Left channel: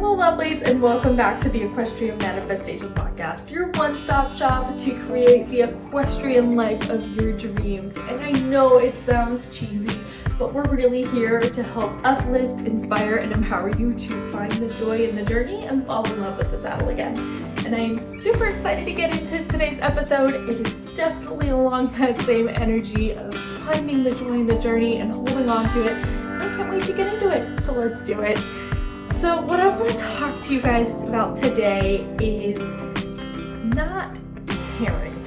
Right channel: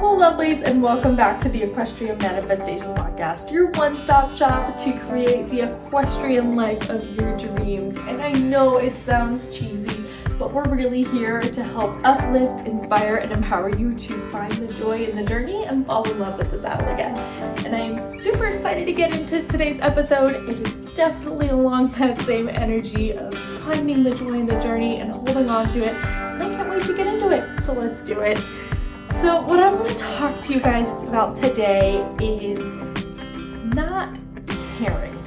Hello lovelies, and welcome back to the Equestrian Manifestation Podcast, your one-stop shop to create the equestrian life of your dreams. And I know it sounds cheesy, but we're really here to help uplift, inspire, and empower you to find the joy in the journey and fall in love with the saddle again. And I am super excited to get into today's episode. It is definitely along that same energy of finding the joy in the journey and holding on to it. I can't wait to get into it, so let's do it. So what I'm going to talk to you guys about today is not caring.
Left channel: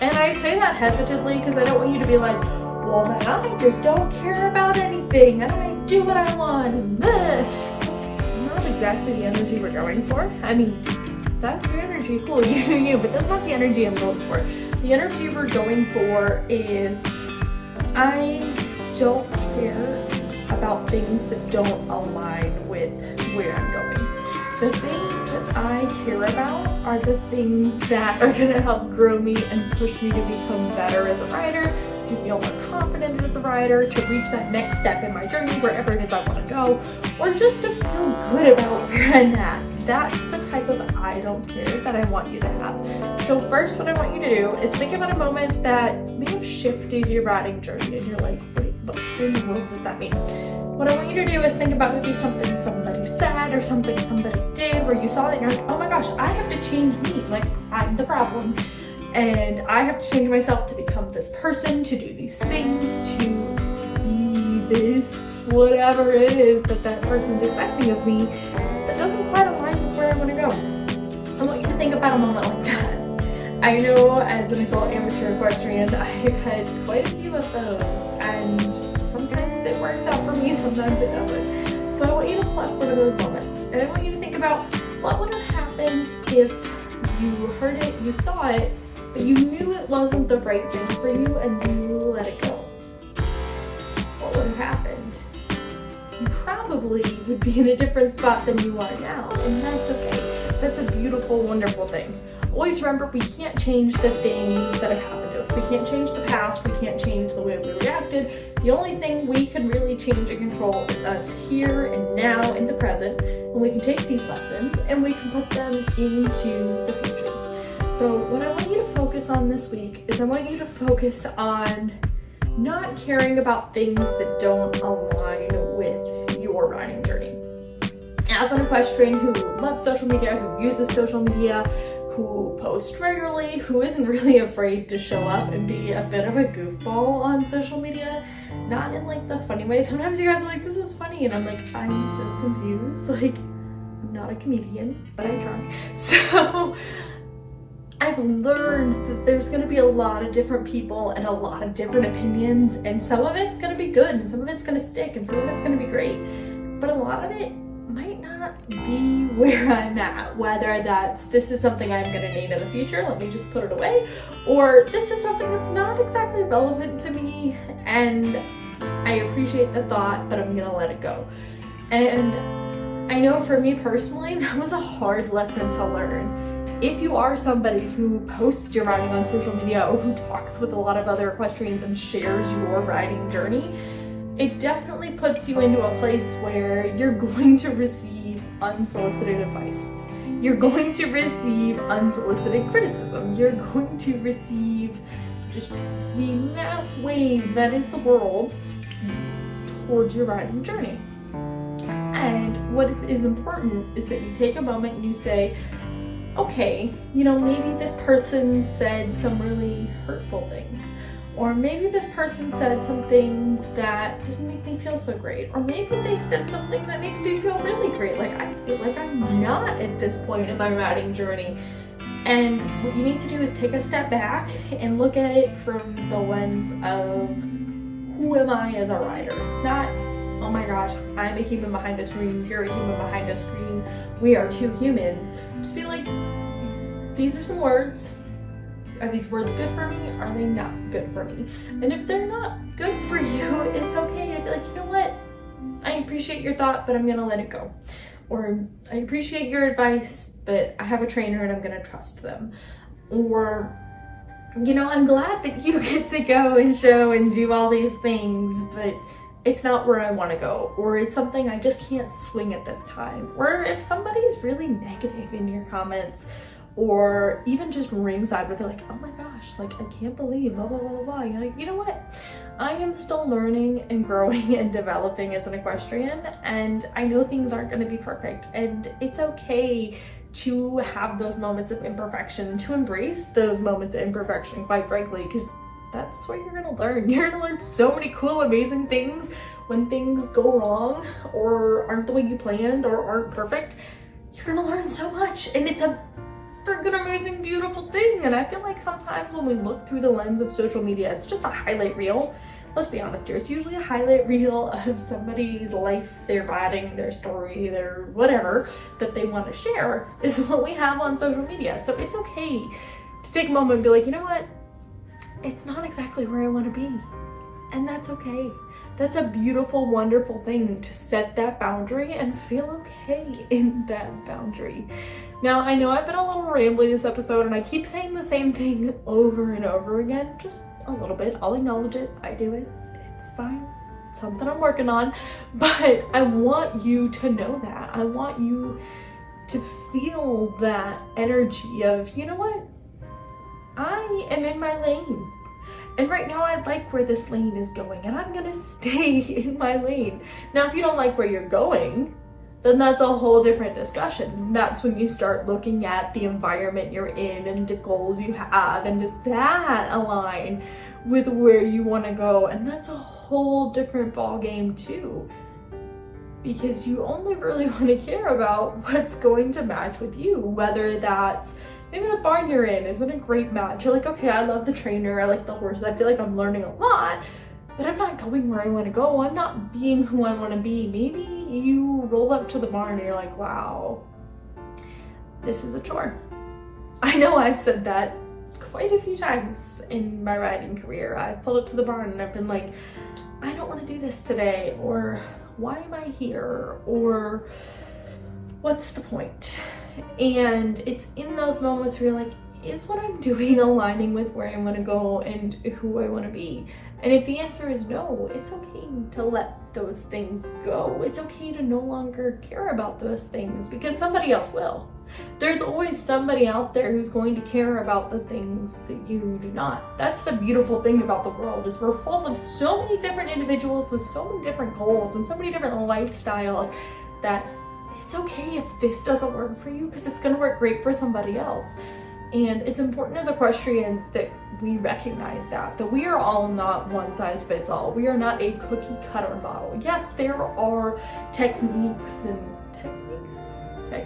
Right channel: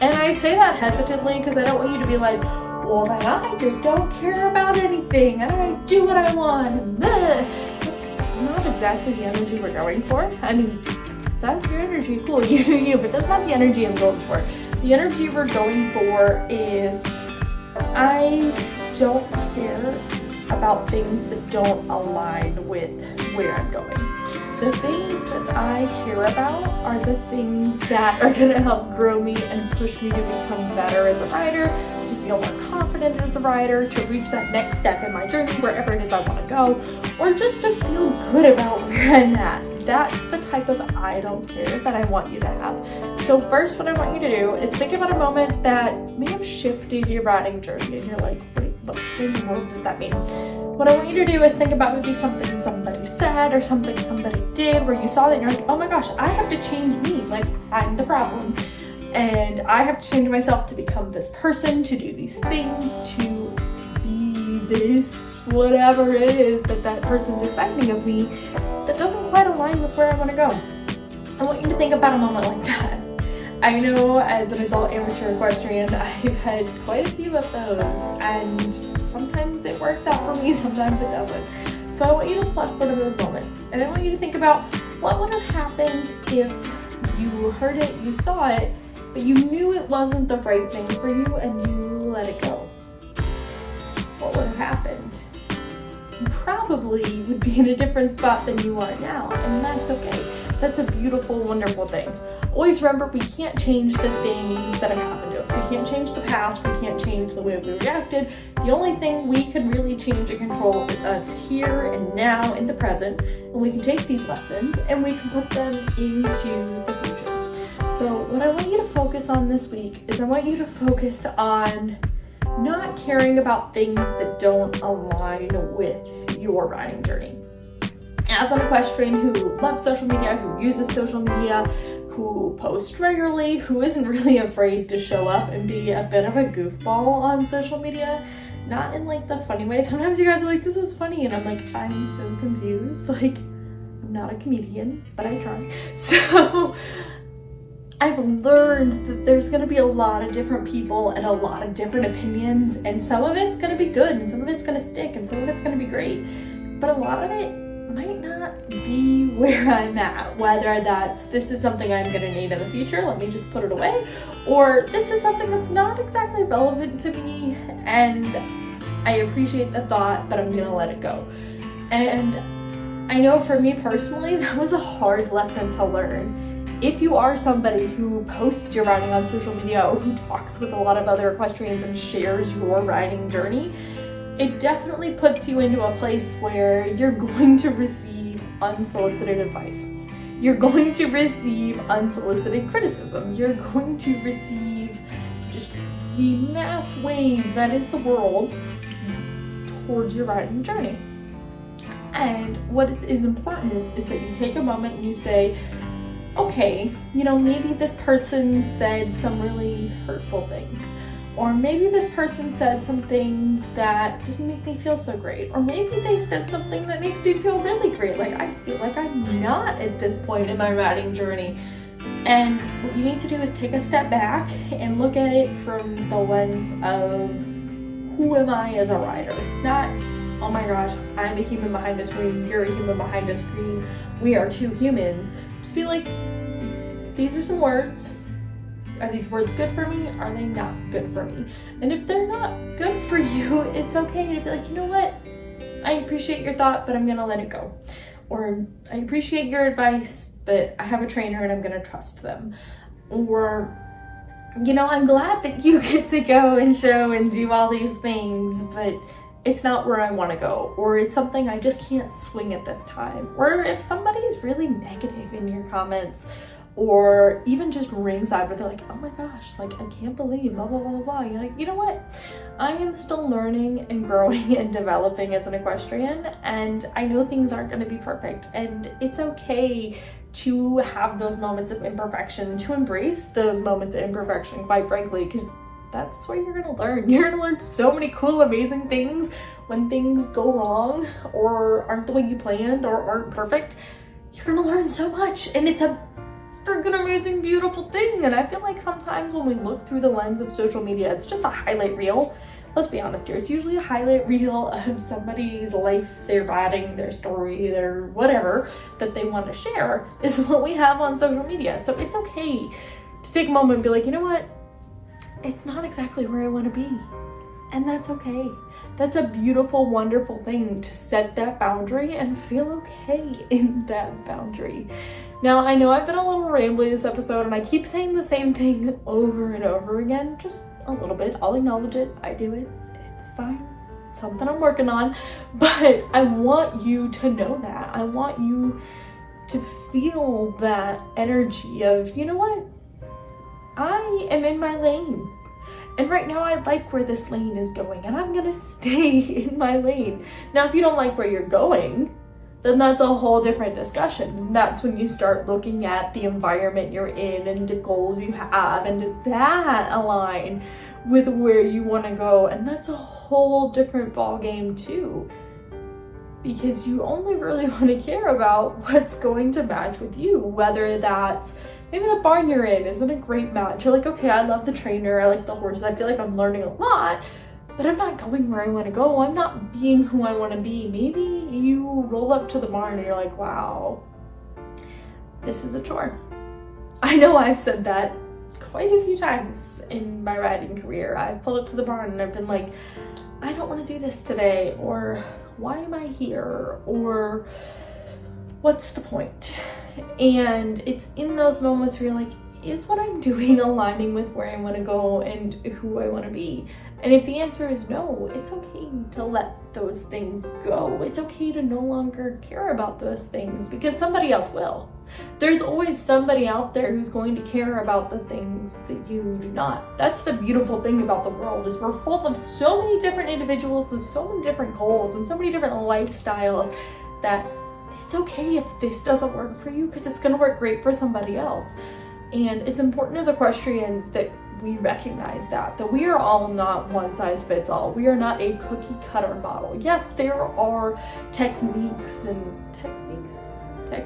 And I say that hesitantly because I don't want you to be like, well, then I just don't care about anything and I do what I want. And it's not exactly the energy we're going for. I mean, that's your energy, cool, you do you, but that's not the energy I'm going for. The energy we're going for is I don't care about things that don't align with where I'm going. The things that I care about are the things that are going to help grow me and push me to become better as a rider, to feel more confident as a rider, to reach that next step in my journey, wherever it is I want to go, or just to feel good about where I'm at. That's the type of I don't care that I want you to have. So first, what I want you to do is think about a moment that may have shifted your riding journey, and you're like, wait, what in the world does that mean? What I want you to do is think about maybe something somebody said or something somebody did where you saw that and you're like, oh my gosh, I have to change me. Like, I'm the problem. And I have to change myself to become this person, to do these things, to be this, whatever it is that person's expecting of me that doesn't quite align with where I want to go. I want you to think about a moment like that. I know as an adult amateur equestrian, I've had quite a few of those, and sometimes it works out for me, sometimes it doesn't. So I want you to pluck one of those moments, and I want you to think about what would have happened if you heard it, you saw it, but you knew it wasn't the right thing for you and you let it go. What would have happened? You probably would be in a different spot than you are now, and that's okay. That's a beautiful, wonderful thing. Always remember, we can't change the things that have happened to us. We can't change the past. We can't change the way we reacted. The only thing we can really change and control is us here and now in the present. And we can take these lessons and we can put them into the future. So what I want you to focus on this week is I want you to focus on not caring about things that don't align with your riding journey. As an equestrian who loves social media, who uses social media, who posts regularly, who isn't really afraid to show up and be a bit of a goofball on social media, not in like the funny way. Sometimes you guys are like, this is funny, and I'm like, I'm so confused. Like, I'm not a comedian, but I try. So I've learned that there's going to be a lot of different people and a lot of different opinions, and some of it's going to be good and some of it's going to stick and some of it's going to be great, but a lot of it might not be where I'm at, whether that's this is something I'm going to need in the future, let me just put it away, or this is something that's not exactly relevant to me and I appreciate the thought, but I'm going to let it go. And I know for me personally, that was a hard lesson to learn. If you are somebody who posts your riding on social media or who talks with a lot of other equestrians and shares your riding journey, it definitely puts you into a place where you're going to receive unsolicited advice. You're going to receive unsolicited criticism. You're going to receive just the mass wave that is the world towards your riding journey. And what is important is that you take a moment and you say, okay, maybe this person said some really hurtful things. Or maybe this person said some things that didn't make me feel so great. Or maybe they said something that makes me feel really great. Like, I feel like I'm not at this point in my riding journey. And what you need to do is take a step back and look at it from the lens of who am I as a rider? Not, oh my gosh, I'm a human behind a screen, you're a human behind a screen, we are two humans. Just be like, these are some words. Are these words good for me? Are they not good for me? And if they're not good for you, it's okay to be like, you know what? I appreciate your thought, but I'm gonna let it go. Or I appreciate your advice, but I have a trainer and I'm gonna trust them. Or, I'm glad that you get to go and show and do all these things, but it's not where I want to go, or it's something I just can't swing at this time, or if somebody's really negative in your comments, or even just ringside where they're like, oh my gosh, like I can't believe blah blah blah blah blah. You're like, you know what? I am still learning and growing and developing as an equestrian, and I know things aren't going to be perfect, and it's okay to have those moments of imperfection, to embrace those moments of imperfection, quite frankly, because that's where you're gonna learn. You're gonna learn so many cool, amazing things when things go wrong or aren't the way you planned or aren't perfect. You're gonna learn so much, and it's a freaking amazing, beautiful thing. And I feel like sometimes when we look through the lens of social media, it's just a highlight reel. Let's be honest here, it's usually a highlight reel of somebody's life, their riding, their story, their whatever that they want to share is what we have on social media. So it's okay to take a moment and be like, you know what? It's not exactly where I want to be. And that's okay. That's a beautiful, wonderful thing to set that boundary and feel okay in that boundary. Now, I know I've been a little rambly this episode and I keep saying the same thing over and over again, just a little bit. I'll acknowledge it. I do it. It's fine. It's something I'm working on. But I want you to know that. I want you to feel that energy of, you know what? I am in my lane. And right now I like where this lane is going, and I'm gonna stay in my lane. Now, if you don't like where you're going, then that's a whole different discussion. That's when you start looking at the environment you're in and the goals you have, and does that align with where you wanna go? And that's a whole different ball game too, because you only really wanna care about what's going to match with you, whether that's maybe the barn you're in isn't a great match. You're like, okay, I love the trainer, I like the horses, I feel like I'm learning a lot, but I'm not going where I want to go. I'm not being who I want to be. Maybe you roll up to the barn and you're like, wow, this is a chore. I know I've said that quite a few times in my riding career. I've pulled up to the barn and I've been like, I don't want to do this today, or why am I here, or what's the point? And it's in those moments where you're like, is what I'm doing aligning with where I want to go and who I want to be? And if the answer is no, it's okay to let those things go. It's okay to no longer care about those things, because somebody else will. There's always somebody out there who's going to care about the things that you do not. That's the beautiful thing about the world, is we're full of so many different individuals with so many different goals and so many different lifestyles that it's okay if this doesn't work for you, because it's going to work great for somebody else. And it's important as equestrians that we recognize that we are all not one size fits all. We are not a cookie cutter model. Yes, there are techniques. I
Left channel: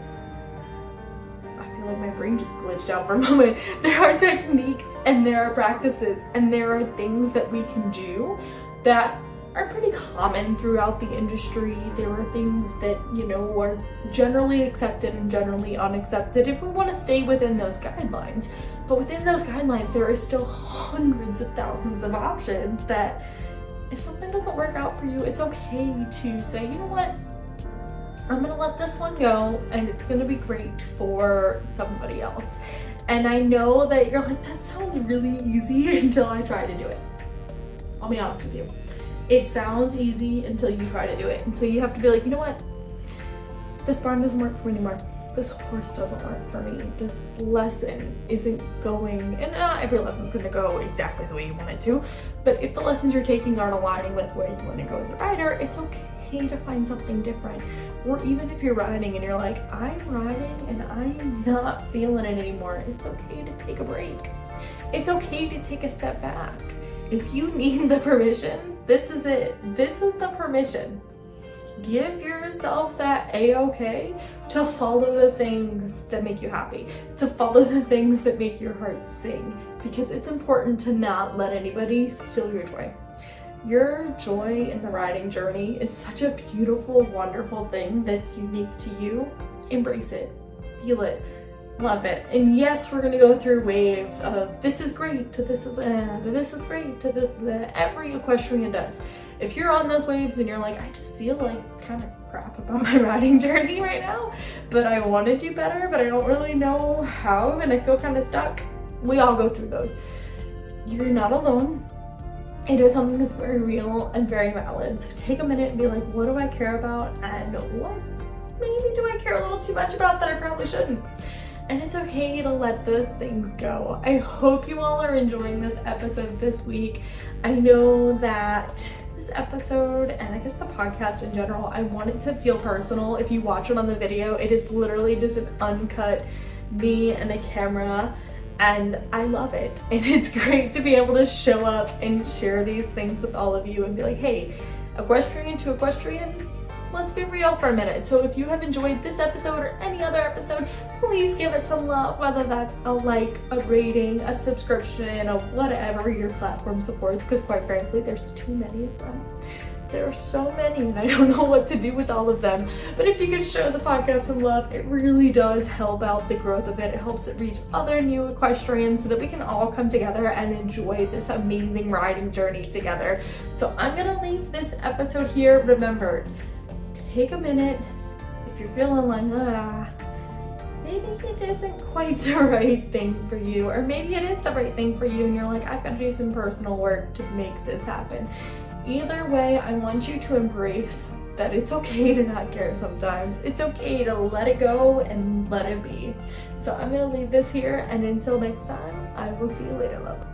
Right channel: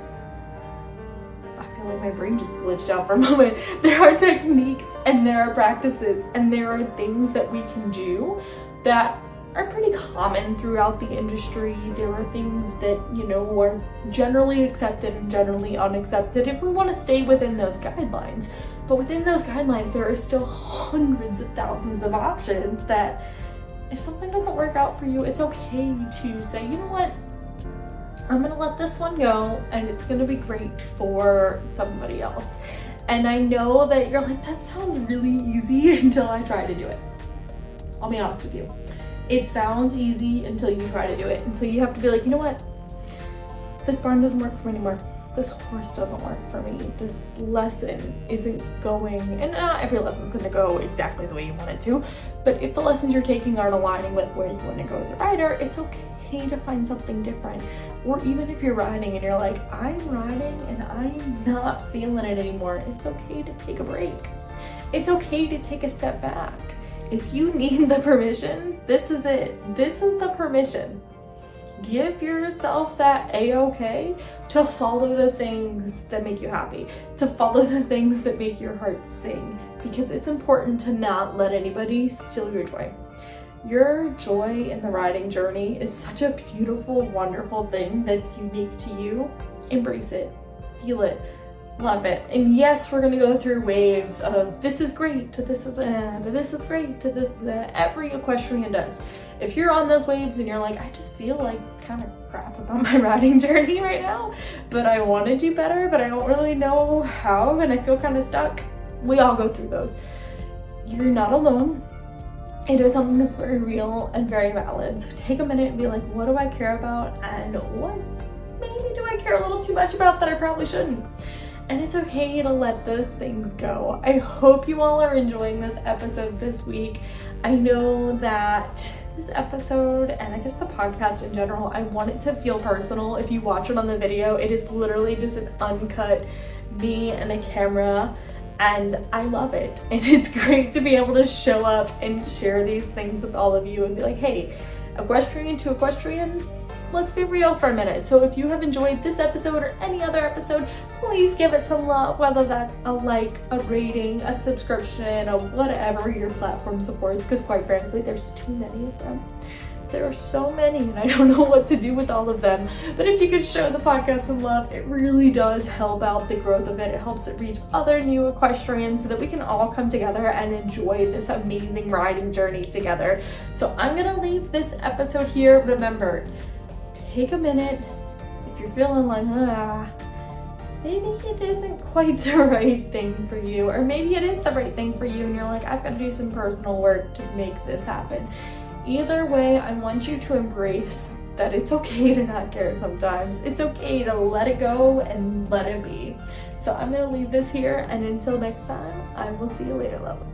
feel like my brain just glitched out for a moment. There are techniques and there are practices and there are things that we can do that are pretty common throughout the industry. There are things that, you know, are generally accepted and generally unaccepted if we want to stay within those guidelines. But within those guidelines, there are still hundreds of thousands of options that if something doesn't work out for you, it's okay to say, you know what, I'm gonna let this one go and it's gonna be great for somebody else. And I know that you're like, that sounds really easy until I try to do it. I'll be honest with you. It sounds easy until you try to do it. And so you have to be like, you know what? This barn doesn't work for me anymore. This horse doesn't work for me. This lesson isn't going, and not every lesson's gonna go exactly the way you want it to, but if the lessons you're taking aren't aligning with where you wanna go as a rider, it's okay to find something different. Or even if you're riding and you're like, I'm riding and I'm not feeling it anymore, it's okay to take a break. It's okay to take a step back. If you need the permission, this is it. This is the permission. Give yourself that A-okay to follow the things that make you happy, to follow the things that make your heart sing, because it's important to not let anybody steal your joy. Your joy in the riding journey is such a beautiful, wonderful thing that's unique to you. Embrace it, feel it, love it. And yes, we're gonna go through waves of this is great to this is to this is great to this is every equestrian does. If you're on those waves and you're like, I just feel like kind of crap about my riding journey right now, but I want to do better, but I don't really know how, and I feel kind of stuck. We all go through those. You're not alone. it is something that's very real and very valid. So take a minute and be like, what do I care about, and what maybe do I care a little too much about that I probably shouldn't? And it's okay to let those things go. I hope you all are enjoying this episode this week. I know that this episode, and I guess the podcast in general, I want it to feel personal. If you watch it on the video, it is literally just an uncut me and a camera, and I love it. And it's great to be able to show up and share these things with all of you and be like, hey, equestrian to equestrian, let's be real for a minute. So if you have enjoyed this episode or any other episode, please give it some love, whether that's a like, a rating, a subscription, or whatever your platform supports, because quite frankly, there's too many of them. There are so many and I don't know what to do with all of them. But if you could show the podcast some love, it really does help out the growth of it. It helps it reach other new equestrians so that we can all come together and enjoy this amazing riding journey together. So I'm gonna leave this episode here. Remember, take a minute. If you're feeling like, maybe it isn't quite the right thing for you, or maybe it is the right thing for you and you're like, I've got to do some personal work to make this happen. Either way, I want you to embrace that it's okay to not care sometimes. It's okay to let it go and let it be. So I'm gonna leave this here, and until next time, I will see you later, love.